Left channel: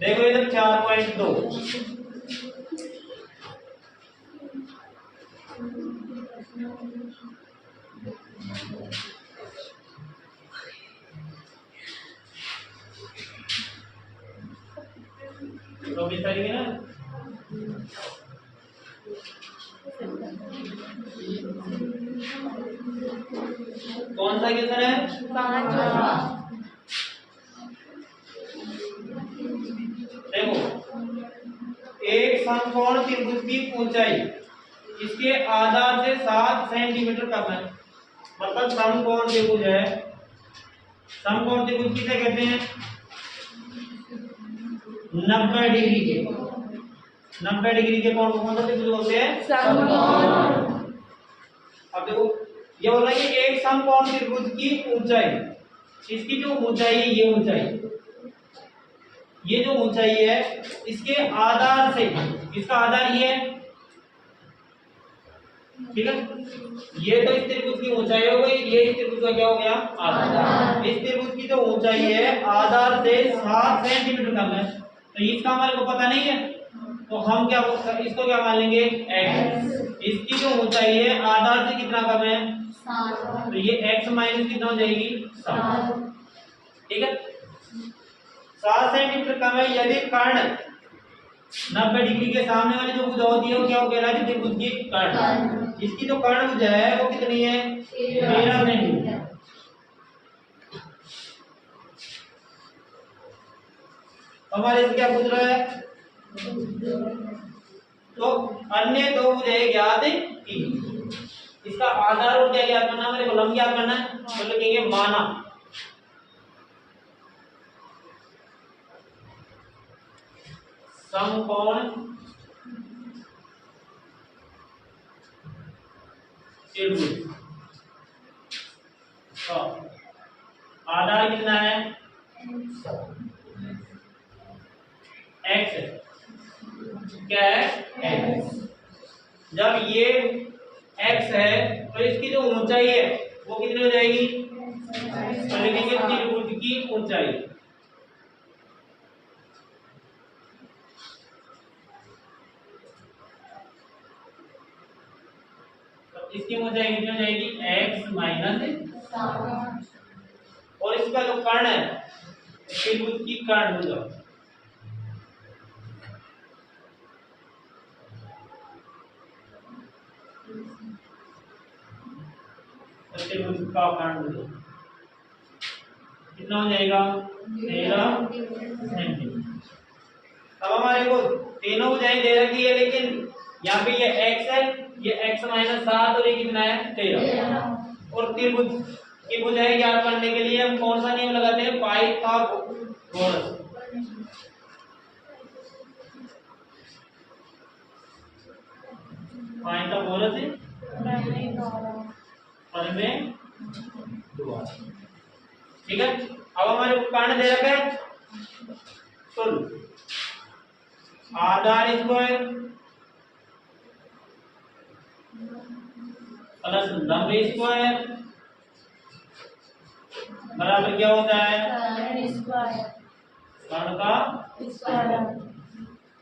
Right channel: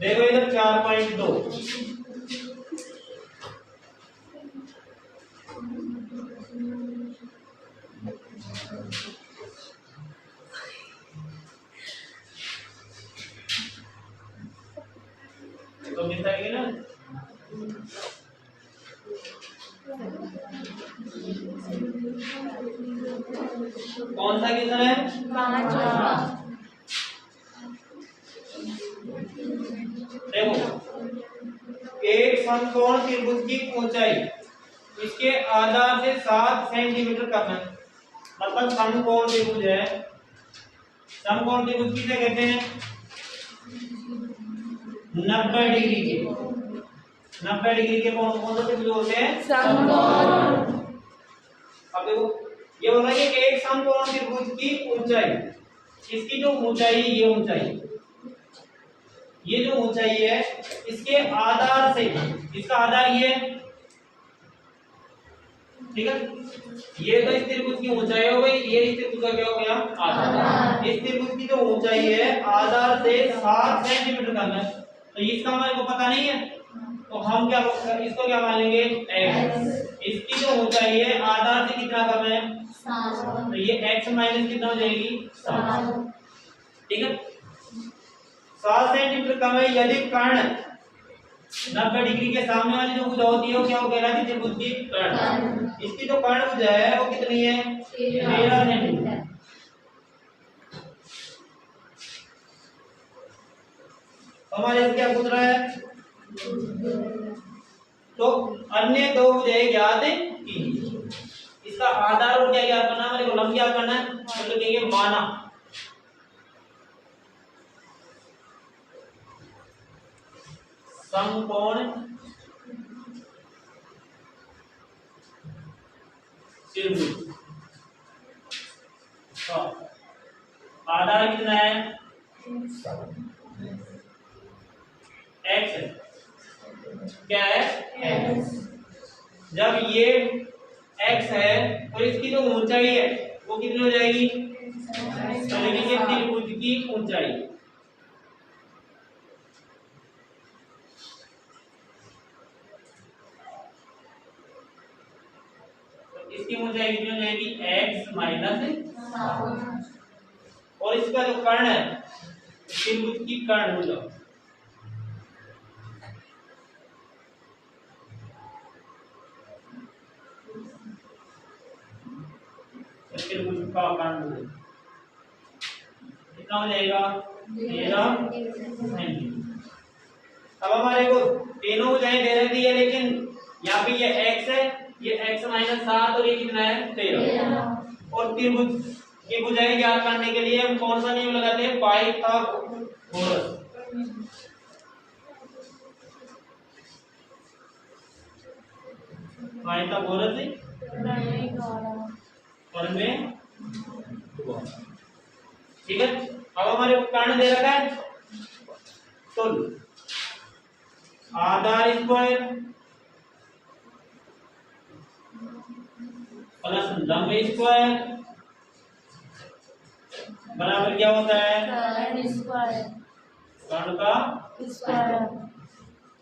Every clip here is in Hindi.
देखो इधर 4.2, तो मिल जाएगी ना। कौन सा क्वेश्चन है? 5। देखो एक समकोण त्रिभुज की ऊंचाई इसके आधार से 7 सेंटीमीटर कम है। मतलब समकोण त्रिभुज है, समकोण त्रिभुज किसे कहते हैं? 90 डिग्री के, 90 डिग्री के कोण को कौन सा त्रिभुज बोलते हैं? समकोण। अब देखो ये बोल रहा है कि एक समकोण त्रिभुज की ऊंचाई, इसकी जो ऊंचाई, ये ऊंचाई, ये जो ऊंचाई है इसके आधार से, इसका आधार ये है, ठीक है। ये तो इस त्रिभुज की ऊंचाई हो गई, ये इस त्रिभुज का क्या हो गया? आधार। इस त्रिभुज की जो ऊंचाई है आधार से 7 सेंटीमीटर कम है, तो इसका हमारे को पता नहीं है, तो हम क्या इसको क्या मान लेंगे? x। इसकी जो ऊंचाई है आधार से कितना कम है? 7। तो ये x माइनस कितना हो जाएगी? 7, ठीक है। 7 सेंटीमीटर कम है यदि कर्ण 90 डिग्री के सामने वाली जो भुजा होती है वो क्या हो कहलाती है? त्रिभुज की कर्ण। इसकी जो कर्ण भुजा है वो कितनी है? 13 सेंटीमीटर। हमारे से क्या पूछ रहा है? तो अन्य दो भुजाएं ज्ञात की, इसका आधार और क्या ज्ञात करना है? हमारे को लंब ज्ञात करना है, तो लिखेंगे माना समकोण त्रिभुज का आधार कितना है? x है। क्या है? x। जब ये x है तो इसकी जो ऊंचाई है वो कितनी हो जाएगी? लिखेंगे त्रिभुज की ऊंचाई, इसकी ऊंचाई कितनी हो जाएगी? x minus 7। और इसका जो कर्ण है त्रिभुज की कर्ण भुजा, त्रिभुज का कर्ण भुजा कितना हो जाएगा? 13 सेंटीमीटर। अब हमारे को तीनों भुजाएं दे रखी है, लेकिन यहाँ पे ये x है, ये x माइनस 7 और ये कितना है? 13। और त्रिभुज की भुजाएं ज्ञात करने के लिए हम कौन सा नियम लगाते हैं? पाइथागोरस। पाइथागोरस प्रमेय द्वारा, ठीक है। अब हमारे को कर्ण दे रखा है, तो आधार स्क्वायर प्लस लंब स्क्वायर बराबर क्या होता है? कर्ण का स्क्वायर।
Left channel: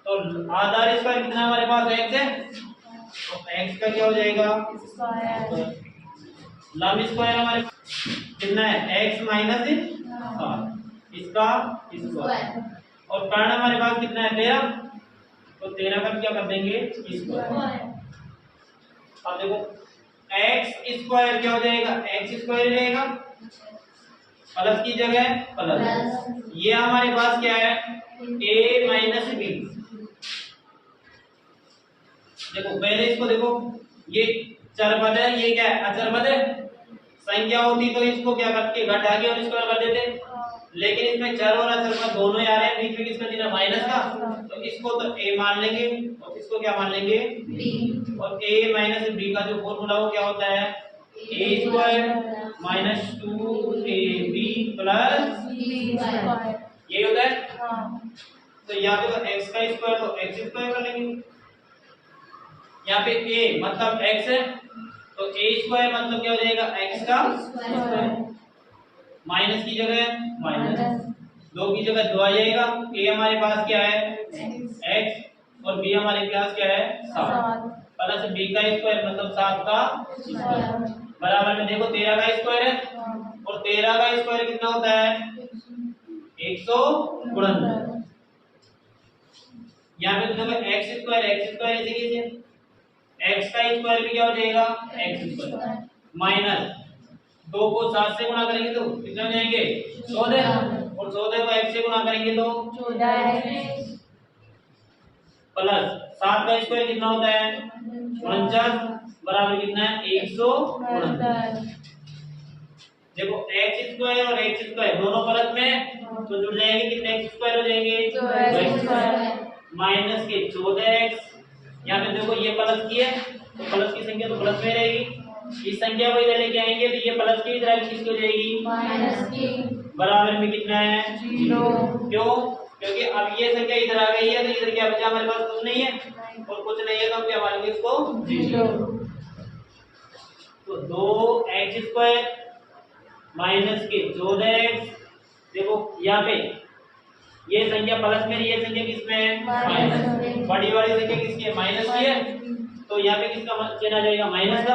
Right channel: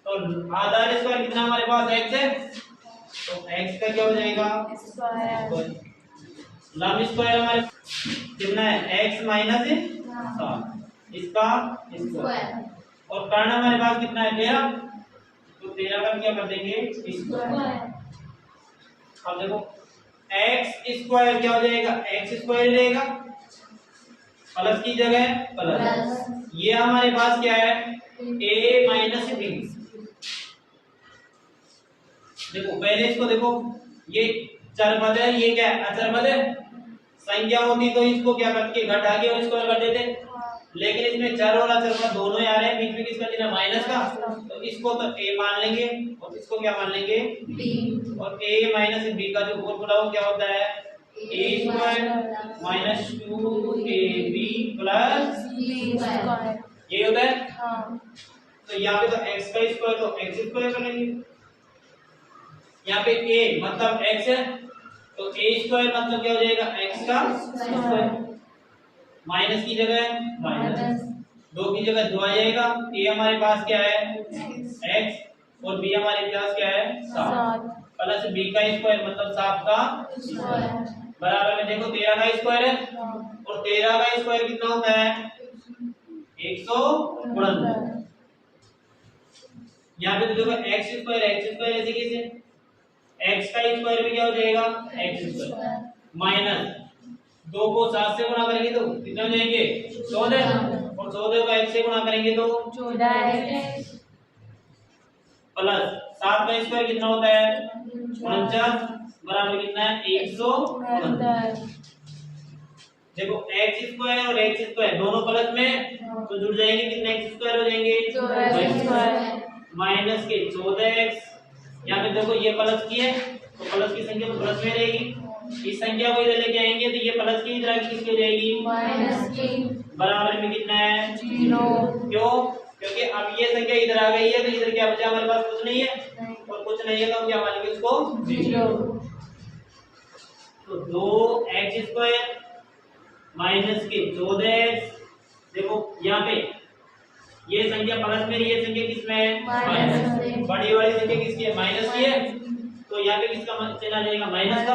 तो आधार स्क्वायर कितना हमारे पास? x है, तो x का क्या हो जाएगा? स्क्वायर। लंब स्क्वायर हमारे कितना है? x माइनस 7, इसका स्क्वायर। और कर्ण हमारे पास कितना है? 13, तो 13 का क्या कर देंगे? स्क्वायर। अब देखो x स्क्वायर क्या हो जाएगा? x स्क्वायर रहेगा, प्लस की जगह प्लस, ये हमारे पास क्या है? a minus b। देखो पहले इसको देखो, ये चर पद है, ये क्या है? अचर पद है। संख्या होती तो इसको क्या करके घटा के और स्क्वायर कर देते, लेकिन इसमें चर और अचर पद दोनों ही आ रहे हैं, बीच में किसका चिन्ह? माइनस का, तो इसको तो a मान लेंगे और इसको क्या मान लेंगे? b। और a माइनस b का जो फॉर्मूला वो क्या होता है? a square minus 2ab plus b square, ये होता है। तो यहाँ पे तो x का स्क्वायर तो x स्क्वायर कर लेंगे, यहाँ पे a मतलब x है, तो a स्क्वायर मतलब क्या हो जाएगा? x का स्क्वायर। माइनस की जगह माइनस, माइनस 2 की जगह 2 आ जाएगा। ए हमारे पास क्या है x और b हमारे पास क्या है 7 7 प्लस b का स्क्वायर मतलब 7 का स्क्वायर बराबर में देखो 13 का स्क्वायर है और 13 का स्क्वायर कितना होता है 169। यहाँ पे तो देखो x स्क्वायर ऐसे कैसे x का स्क्वायर भी क्या हो जाएगा x स्क्वायर माइनस 2 को 7 से गुणा करेंगे तो कितने हो जाएंगे 14 और 14 को x से गुणा करेंगे तो 14 प्लस 7 का स्क्वायर कितना होता है 49 बराबर कितना है 169। देखो x स्क्वायर और x स्क्वायर दोनों प्लस में तो जुड़ जाएंगे कितने x स्क्वायर हो जाएंगे 2x स्क्वायर माइनस के 14x। यहाँ पे देखो ये प्लस की है तो प्लस की संख्या तो प्लस में रहेगी, इस संख्या को इधर लेके आएंगे तो ये प्लस की इधर आगे किसकी हो जाएगी माइनस की बराबर में कितना है 0 क्यों क्योंकि अब ये संख्या इधर आ गई है तो इधर क्या बचा हमारे पास कुछ नहीं है और कुछ नहीं है तो हम क्या मानेंगे इसको 0 तो 2x स्क्वायर माइनस के 14x। देखो यहाँ पे ये संख्या प्लस में ये संख्या किसमें है माइनस में। बड़ी वाली संख्या किसकी है माइनस की है तो यहाँ पे किसका चिन्ह आ जाएगा माइनस का।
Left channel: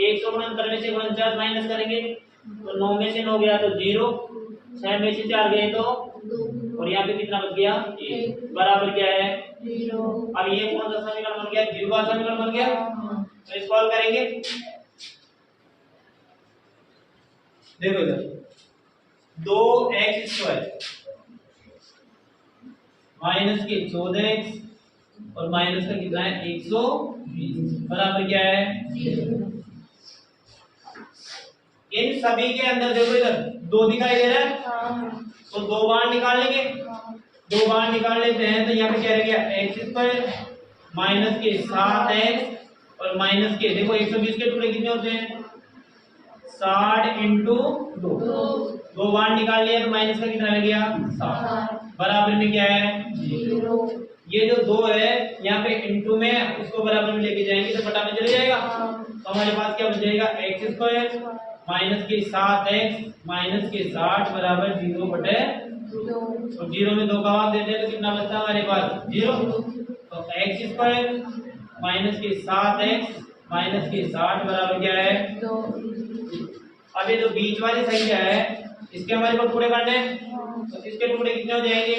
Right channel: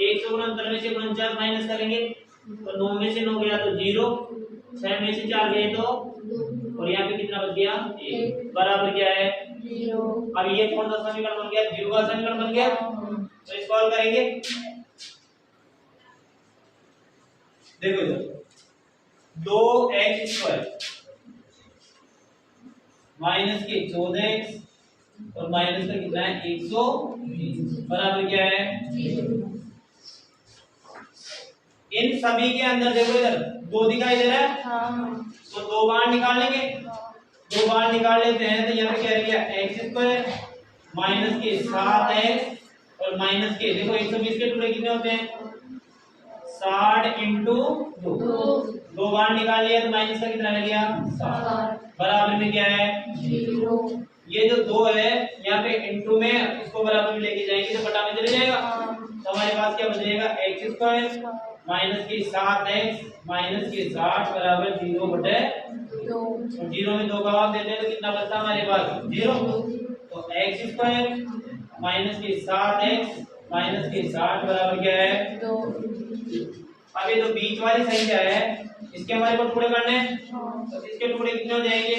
169 में से 49 माइनस करेंगे तो 9 में से 9 गया तो 0, 6 में से 4 गए तो और यहाँ पे कितना बच गया 1 बराबर क्या है 0। अब ये कौन सा समीकरण बन गया 0 का समीकरण बन गया। तो इसको हल करेंगे देखो इधर 2x स्क्वायर माइनस के 14x और माइनस का कितना है 120 बराबर क्या है 0। इन सभी के अंदर देखो इधर 2 दिखाई दे रहा है तो 2 बार निकाल लेंगे 2 बार निकाल लेते हैं तो यहाँ पे क्या रह गया x स्क्वायर माइनस के 7x और माइनस के देखो 120 के टुकड़े कितने होते हैं 60 इंटू 2 बार निकाल लिया तो माइनस का कितना रह गया 7 बराबर में क्या है 0। ये जो 2 है यहाँ पे इंटू में इसको बराबर में लेके जाएंगे तो बटा में चले जाएगा तो हमारे पास क्या बचेगा x स्क्वायर माइनस के 7x माइनस के 60 बराबर 0 बटे 2 और 0 में 2 का भाग देते हैं तो कितना बचता है हमारे पास 0। तो x स्क्वायर माइनस के 7x माइनस के 60 बराबर क्या है 2। अब ये जो बीच वाली संख्या है इसके हमारे को टुकड़े करने हैं तो इसके टुकड़े कितने हो जाएंगे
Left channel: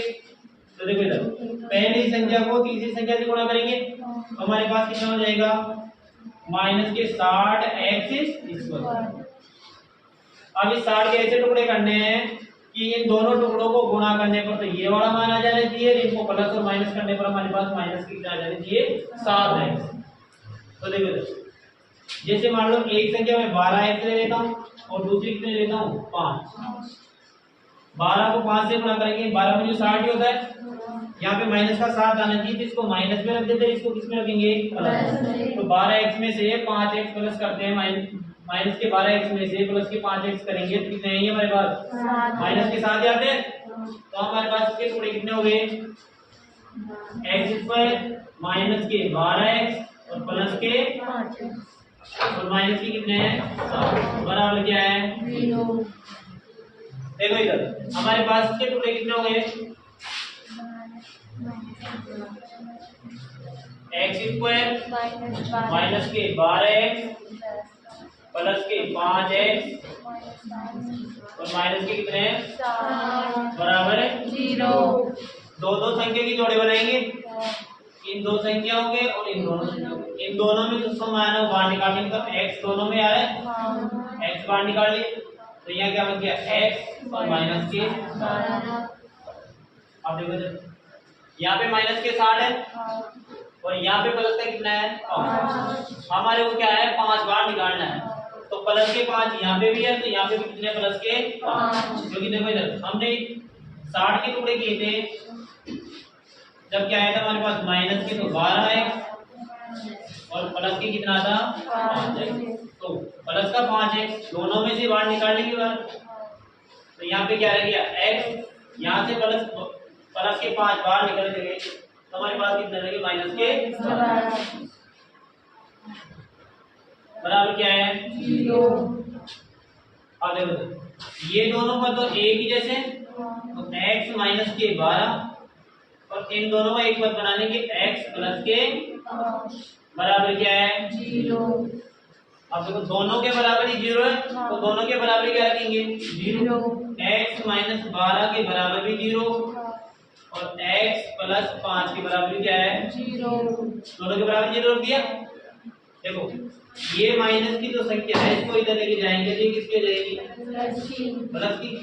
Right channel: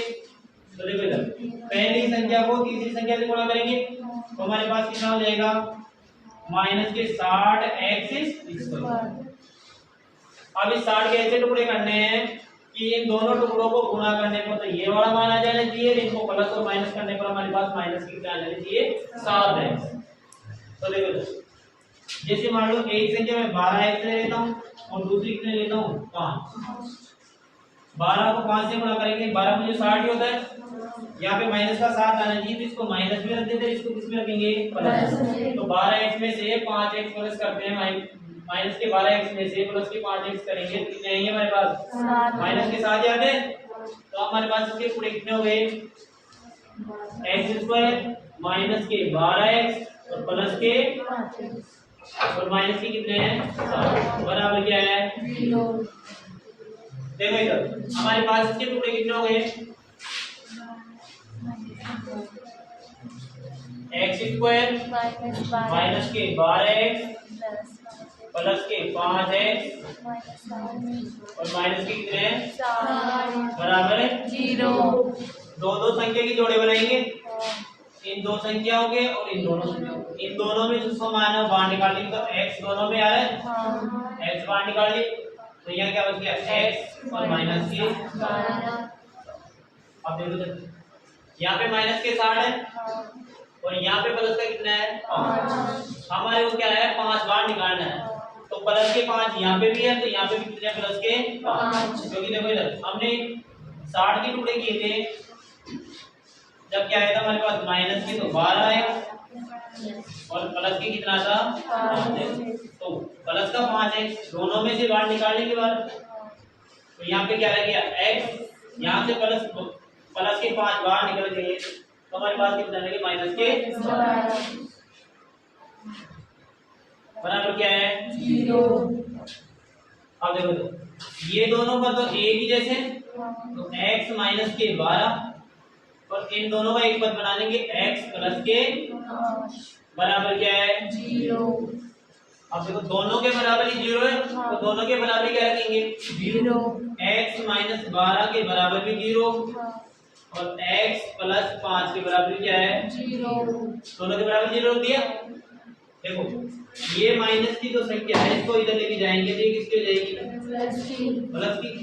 तो देखो इधर पहली संख्या को तीसरी संख्या से गुणा करेंगे तो हमारे पास कितना हो जाएगा माइनस के 60x स्क्वायर। अब इस 60 के ऐसे टुकड़े करने हैं कि इन दोनों टुकड़ों को गुणा करने पर तो ये वाला मान आ जाना चाहिए, इनको प्लस और माइनस करने पर हमारे पास माइनस की कितना आ जाना चाहिए 7x। तो देखो जैसे मान लो एक संख्या में 12x ले लेता हूँ और दूसरी कितने लेता हूँ 5। 12 को 5 से गुणा करेंगे 12 में जो 60 ही होता है यहाँ पे माइनस का 7 आना चाहिए तो इसको माइनस में रख देते हैं, इसको किस में रखेंगे प्लस। तो 12x में से 5x प्लस करते हैं माइनस के 12x में से प्लस के 5x करेंगे तो कितने हैं हमारे पास माइनस के 7 आते हैं तो हमारे पास इसके टुकड़े कितने हो गए x स्क्वायर माइनस के 12x और प्लस के और माइनस के कितने हैं 7 बराबर क्या है 0। देखो इधर हमारे पास इसके टुकड़े कितने हो गए x स्क्वायर माइनस के 12x प्लस के 5x और माइनस के कितने हैं बराबर है 0। दो संख्या की जोड़े बनाएंगे इन 2 संख्याओं के और इन दोनों में जो सम आया ना बाहर निकाल लेंगे तो x दोनों में आ रहा है x बाहर निकाल लिए तो यहाँ क्या बच गया x और माइनस के 12। अब देखो तो यहाँ पे माइनस के 60 है और यहाँ पे प्लस का कितना है 5। हमारे को क्या है 5 बार निकालना है तो प्लस के 5 यहाँ पे भी है तो यहाँ पे भी कितने प्लस के 5 क्योंकि देखो इधर हमने 60 के टुकड़े किए थे जब क्या आया था हमारे पास माइनस के तो 12 है और प्लस के कितना था 5 है तो प्लस का 5 है दोनों में से बाहर निकाल लेंगे बार तो यहाँ पे क्या रह गया x यहाँ से प्लस के 5 बाहर निकल गए तो हमारे पास कितना रहेगा माइनस के बराबर क्या है 0। अब देखो ये दोनों पर तो एक ही जैसे, तो x माइनस के 12 और इन दोनों का एक पद बनाने के x प्लस के बराबर क्या है 0। अब देखो दोनों के बराबर ही 0 है, तो दोनों के बराबर क्या रखेंगे 0। x माइनस 12 के बराबर भी 0 और x प्लस 5 के बराबर क्या है 0। दोनों के बराबर 0 रख दिया। देखो ये माइनस की जो संख्या है इसको इधर लेके जाएंगे तो ये किसकी हो जाएगी प्लस की,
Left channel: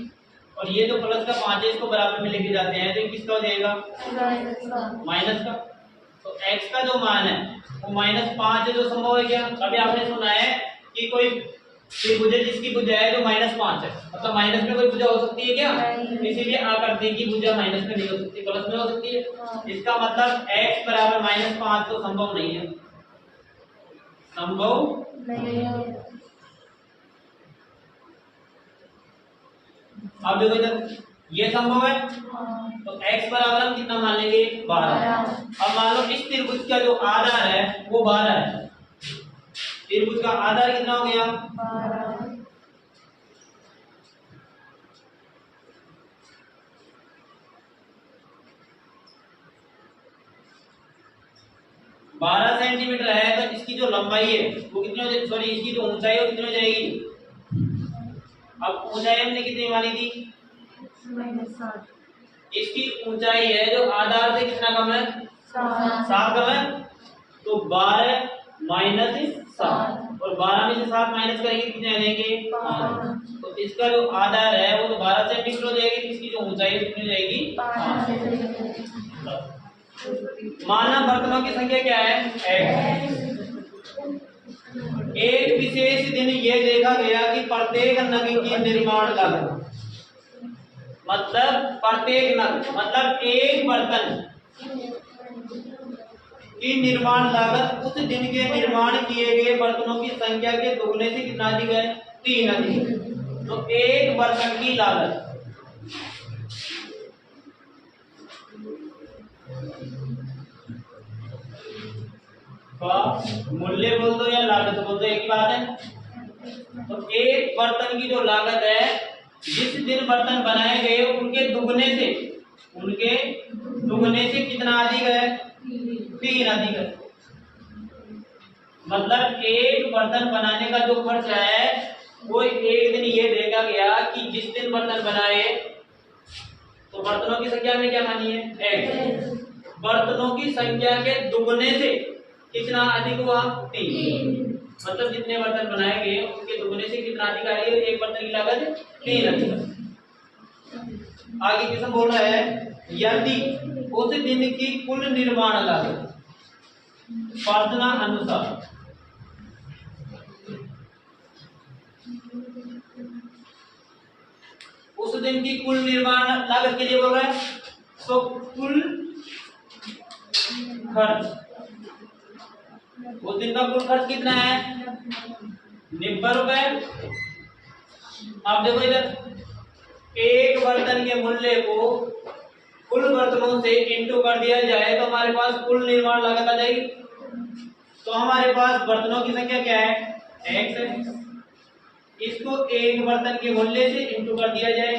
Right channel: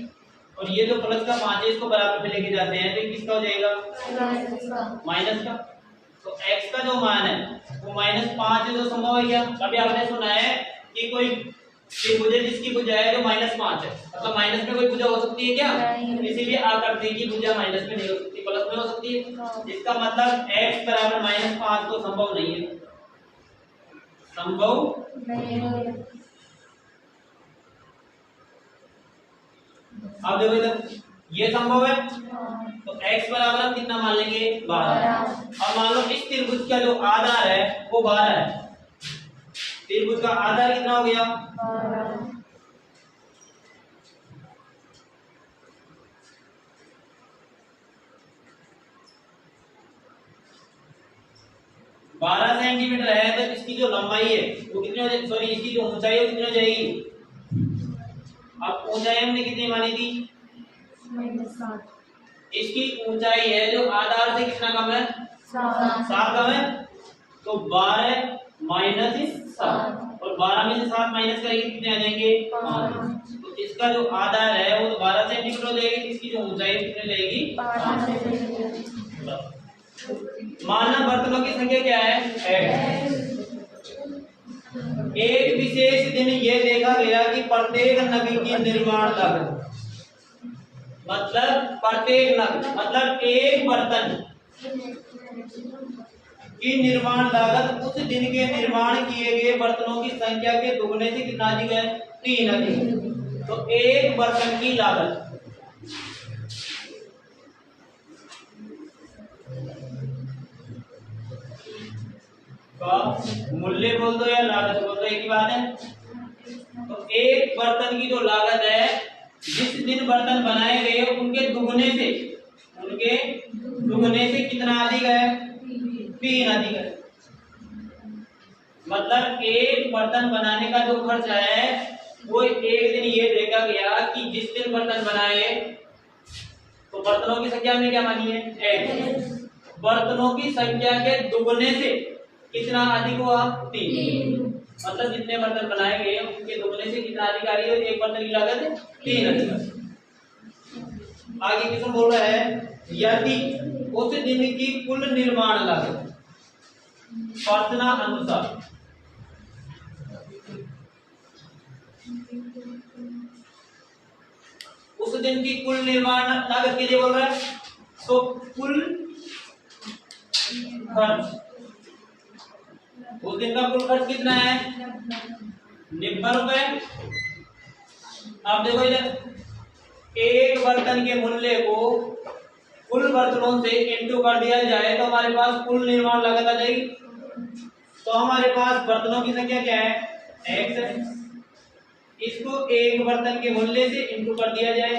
और ये जो प्लस का 5 है इसको बराबर में लेके जाते हैं तो ये किसका हो जाएगा माइनस का। तो x का जो मान है वो -5 है, जो संभव है क्या। कभी आपने सुना है कि कोई त्रिभुज है जिसकी भुजा है जो -5 है, मतलब माइनस में कोई भुजा हो सकती है क्या, इसीलिए आकृति की भुजा माइनस में नहीं हो सकती, प्लस में हो सकती है। इसका मतलब x बराबर -5 तो संभव नहीं है, संभव नहीं है। अब देखो इधर ये संभव है, तो x बराबर हम कितना मान लेंगे 12। अब मान लो इस त्रिभुज का जो आधार है वो 12 है, त्रिभुज का आधार कितना हो गया 12 सेंटीमीटर है, तो इसकी जो लंबाई है वो कितनी हो जाएगी, सॉरी इसकी जो ऊंचाई है वो कितनी हो जाएगी। अब ऊंचाई हमने कितनी मानी थी, इसकी ऊंचाई है जो आधार से कितना कम है 7 कम है, तो 12 माइनस 7 और 12 में से 7 माइनस करेंगे कितने आ जाएंगे 5। तो इसका जो आधार है वो तो 12 सेंटीमीटर हो जाएगी, इसकी जो ऊंचाई है कितनी हो जाएगी 5। माना बर्तनों की संख्या क्या है x। एक विशेष दिन ये देखा गया कि प्रत्येक नग की निर्माण लागत, मतलब प्रत्येक नग मतलब एक बर्तन की निर्माण लागत उस दिन के निर्माण किए गए बर्तनों की संख्या के दोगुने से कितना अधिक है 3 अधिक। तो एक बर्तन की लागत का मूल्य बोल दो या लागत बोल दो, एक ही बात है। तो एक बर्तन की जो लागत है जिस दिन बर्तन बनाए गए उनके दुगने से कितना अधिक है 3 अधिक है। मतलब एक बर्तन बनाने का जो खर्च है वो एक दिन ये देखा गया कि जिस दिन बर्तन बनाए तो बर्तनों की संख्या में क्या मानी है x, बर्तनों की संख्या के दुगने से कितना अधिक हुआ 3, मतलब जितने बर्तन बनाए गए उनके दुगने से कितना अधिक आ रही है और एक बर्तन की लागत 3 अधिक है। आगे किसम बोल रहा है यदि उस दिन की कुल निर्माण लागत प्रार्थना अनुसार उस दिन की कुल निर्माण लागत के लिए बोल रहा है, तो कुल खर्च उस दिन का कुल खर्च कितना है 90 रुपए। अब देखो इधर एक बर्तन के मूल्य को कुल बर्तनों से इंटू कर दिया जाए तो हमारे पास कुल निर्माण लागत आ जाएगी। तो हमारे पास बर्तनों की संख्या क्या है x है, इसको एक बर्तन के मूल्य से इंटू कर दिया जाए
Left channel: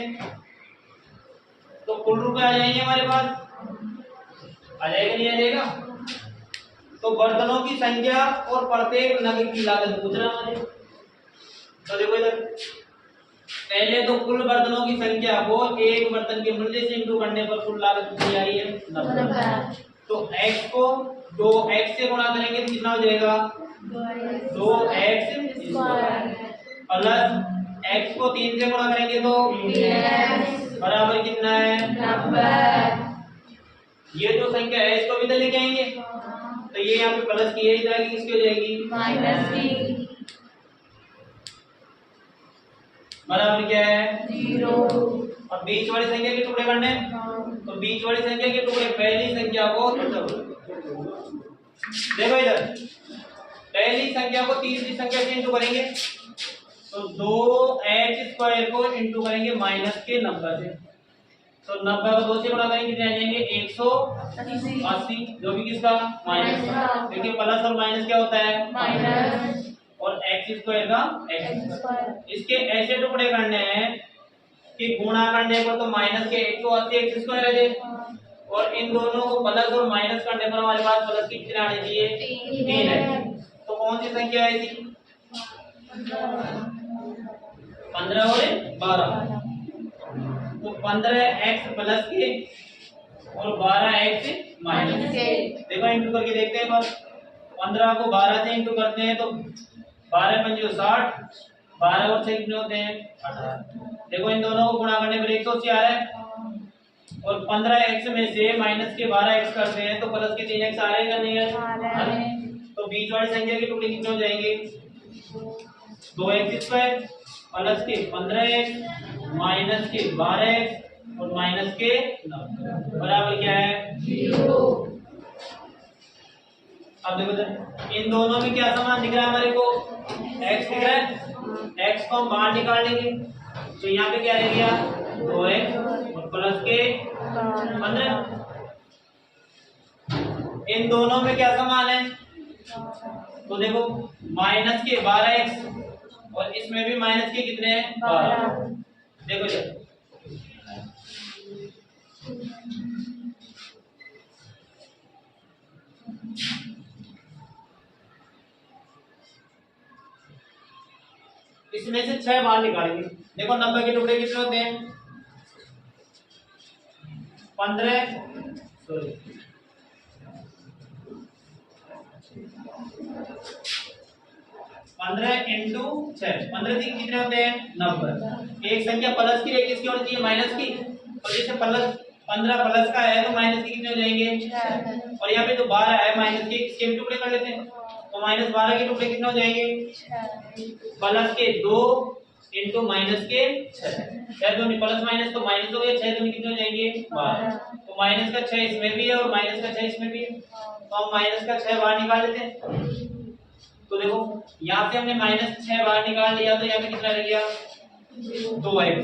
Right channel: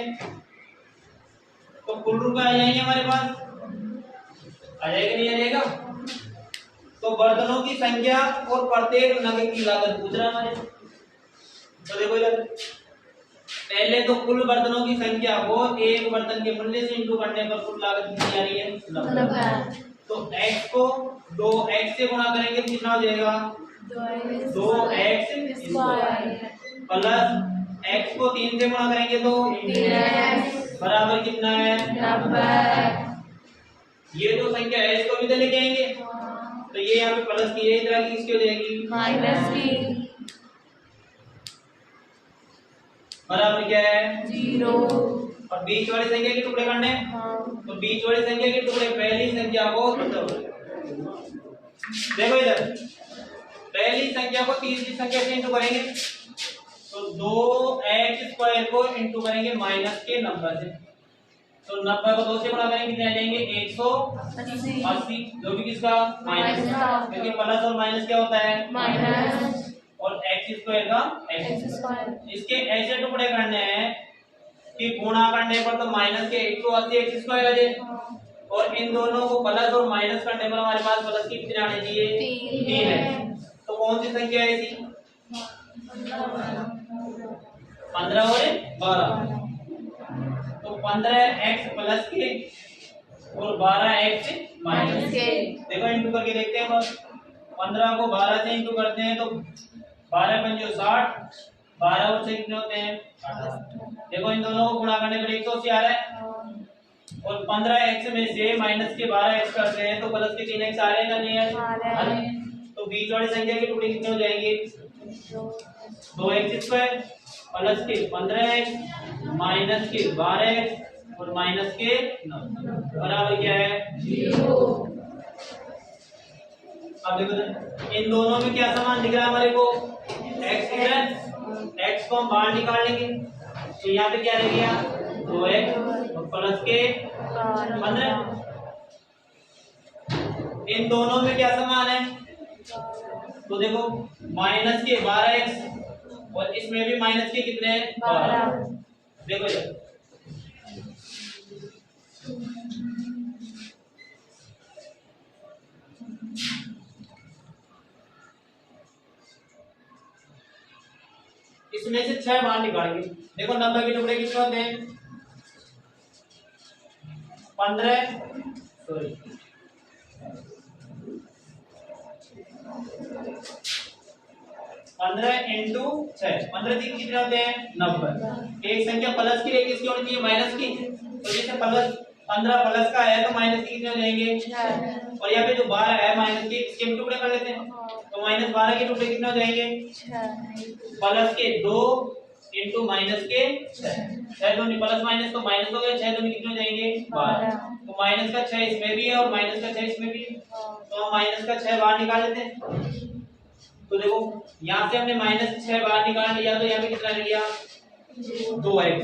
तो कुल रुपए आ जाएंगे हमारे पास, आ जाएगा नहीं आ जाएगा। तो बर्तनों की संख्या और प्रत्येक नग की लागत पूछ रहा है। तो देखो इधर पहले तो कुल बर्तनों की संख्या को एक बर्तन के मूल्य से इंटू करने पर कुल लागत कितनी आ रही है 90। तो x को 2x से गुणा करेंगे तो कितना हो जाएगा 2x प्लस x को 3 से गुणा करेंगे तो 3x बराबर कितना है 90। ये जो संख्या है इसको भी इधर लेके आएंगे तो ये यहाँ पे प्लस की है, इधर की किसकी हो जाएगी माइनस की बराबर क्या है 0। और बीच वाली संख्या के टुकड़े करने तो बीच वाली संख्या के टुकड़े पहली संख्या को देखो इधर पहली संख्या को तीसरी संख्या से इंटू करेंगे तो 2x² को इंटू करेंगे माइनस के 90 से, तो 90 को 2 से गुणा करेंगे कितने आ जाएंगे 180, जो भी किसका माइनस का, क्योंकि प्लस और माइनस क्या होता है माइनस, और x² का x²। इसके ऐसे टुकड़े करने हैं कि गुणा करने पर तो माइनस के 180 एक्स स्क्वायर आ जाए, और इन दोनों को प्लस और माइनस करने पर हमारे पास प्लस की कितने आने चाहिए? 3 है। तो कौन सी संख्या है इसकी? 15 और 12। तो 15x प्लस के और 12x माइनस के। देखो इंटू करके देखते हैं बस। 15 को 12 से इंटू करते हैं तो 12 पंजे 60, 12 और 6 कितने होते हैं? 18। देखो इन दोनों को गुणा करने पर 180 आ रहा है, और 15x में से माइनस के 12x करते हैं तो प्लस के 3x आ रहे हैं नहीं है? तो बीच वाली संख्या के टुकड़े कितने हो जाएंगे? 2x स्क्वायर प्लस के 15x माइनस के 12x और माइनस के 9 बराबर क्या है? 0। अब देखो इन दोनों में क्या समान दिख रहा है हमारे को? x दिख रहा है। x को हम बाहर निकाल लेंगे तो यहाँ पे क्या रह गया? 2x और प्लस के 15। इन दोनों में क्या समान है? तो देखो माइनस के 12x और इसमें भी माइनस के कितने हैं? 12। देखो जब इसमें से 6 बाहर निकालेंगे। देखो 90 के टुकड़े कितने होते हैं? 15 सॉरी 15 इंटू 6, 15 से कितने होते हैं? 90। एक संख्या प्लस की एक किसकी होनी चाहिए? माइनस की। तो जैसे प्लस 15 प्लस का है तो माइनस के कितने हो जाएंगे? 6। और यहाँ पे जो 12 है माइनस के, इसके भी टुकड़े कर लेते हैं तो माइनस 12 के टुकड़े कितने हो जाएंगे? 6। प्लस के 2 इंटू माइनस के 6, 6 दूनी प्लस माइनस तो माइनस हो गए, 6 दूनी कितने हो जाएंगे? 12। तो माइनस का 6 इसमें भी है और माइनस का 6 इसमें भी है, तो हम माइनस का 6 बाहर निकाल लेते हैं। तो देखो यहाँ से हमने माइनस 6 बाहर निकाल लिया तो यहाँ पे कितना रह गया? 2x।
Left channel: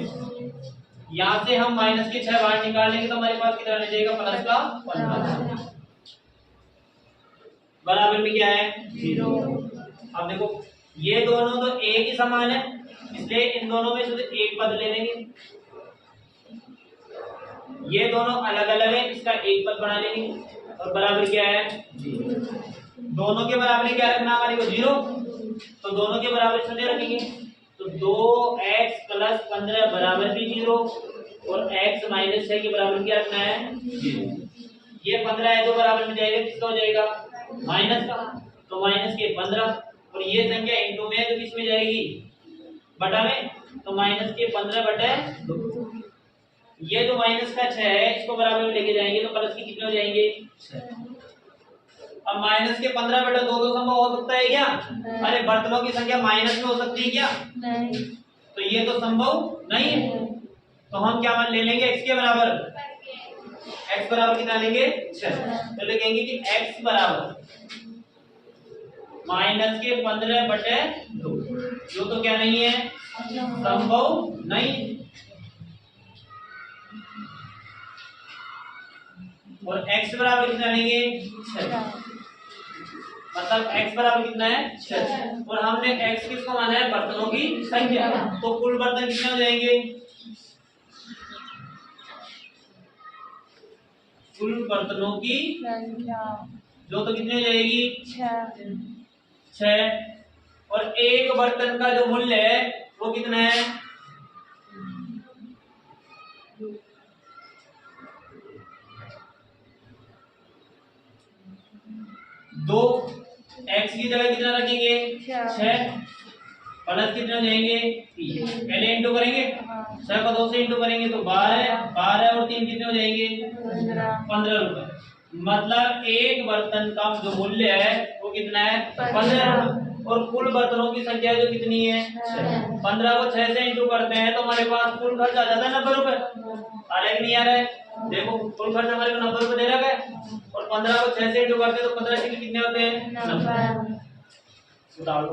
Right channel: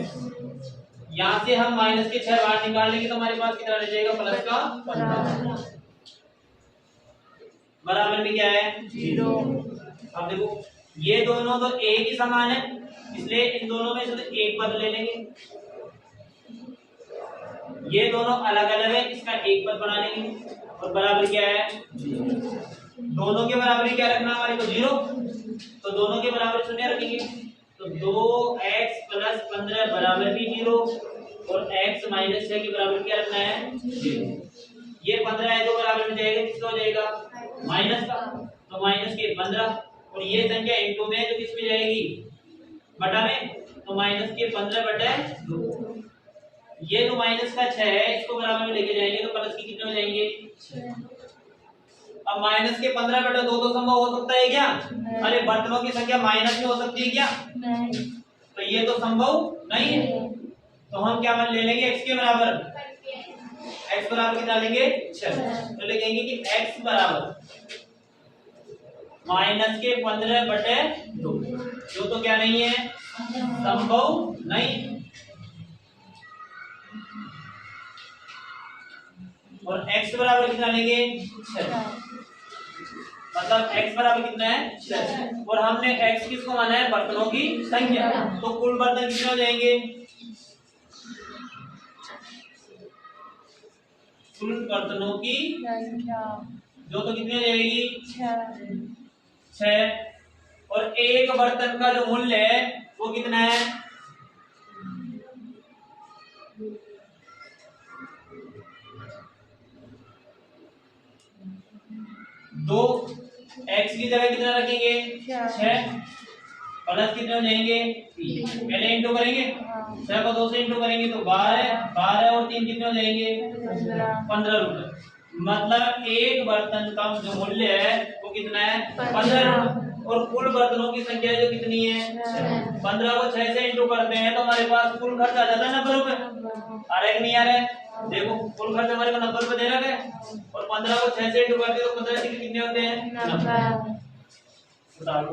यहाँ से हम माइनस के 6 बाहर निकाल लेंगे तो हमारे पास कितना रह जाएगा? प्लस का 15 बराबर में क्या है? 0। अब देखो ये दोनों तो एक ही समान है, इसलिए इन दोनों में से एक पद ले लेंगे। ये दोनों अलग अलग है, इसका एक पद बना लेंगे और बराबर क्या है? 0। दोनों के बराबर क्या रखना हमारे को? 0। तो दोनों के बराबर शून्य रखेंगे तो 2x प्लस 15 बराबर भी 0 और x माइनस 6 के बराबर क्या रखना है? 0। ये 15 है तो बराबर में जाएगा किसका हो जाएगा? माइनस का। तो माइनस के 15 और ये संख्या इंटू में तो किस में जाएगी? बटा में। तो माइनस के 15 बटे 2। ये जो माइनस का 6 है इसको बराबर में लेके जाएंगे तो प्लस की कितने हो जाएंगे? 6। अब माइनस के 15 बटे 2 तो संभव हो सकता है क्या? अरे बर्तनों की संख्या माइनस में हो सकती है क्या? नहीं। तो ये तो संभव नहीं है। तो हम क्या मान ले लेंगे? x के बराबर। x बराबर कितना लेंगे? 6। तो लिखेंगे कि x बराबर माइनस के 15 बटे 2, जो तो क्या नहीं है? संभव नहीं। और x बराबर कितना लेंगे? 6। मतलब x बराबर कितना है? 6। और हमने x किसको माना है? बर्तनों की संख्या। तो कुल बर्तन कितने हो जाएंगे? कुल बर्तनों की संख्या जो तो कितनी हो जाएगी? 6। और एक बर्तन का जो मूल्य है वो कितना है? 2। x की जगह कितना रखेंगे? 6। प्लस कितने हो जाएंगे? 3। पहले इंटू करेंगे 6 को 2 से इंटू करेंगे तो 12 और 3 कितने हो जाएंगे? 15 रुपए। मतलब एक बर्तन का जो मूल्य है वो कितना है? 15 रुपए। और कुल बर्तनों की संख्या जो कितनी है? 15 को 6 से इंटू करते हैं तो हमारे पास कुल खर्च आ जाता है 90 रुपए। आ रहा है कि नहीं आ रहा है? देखो कुल खर्च हमारे को 90 रुपए दे रखा है और 15 को 6 से इंटू करते हैं तो 15 से कितने होते हैं? 90। बताओ।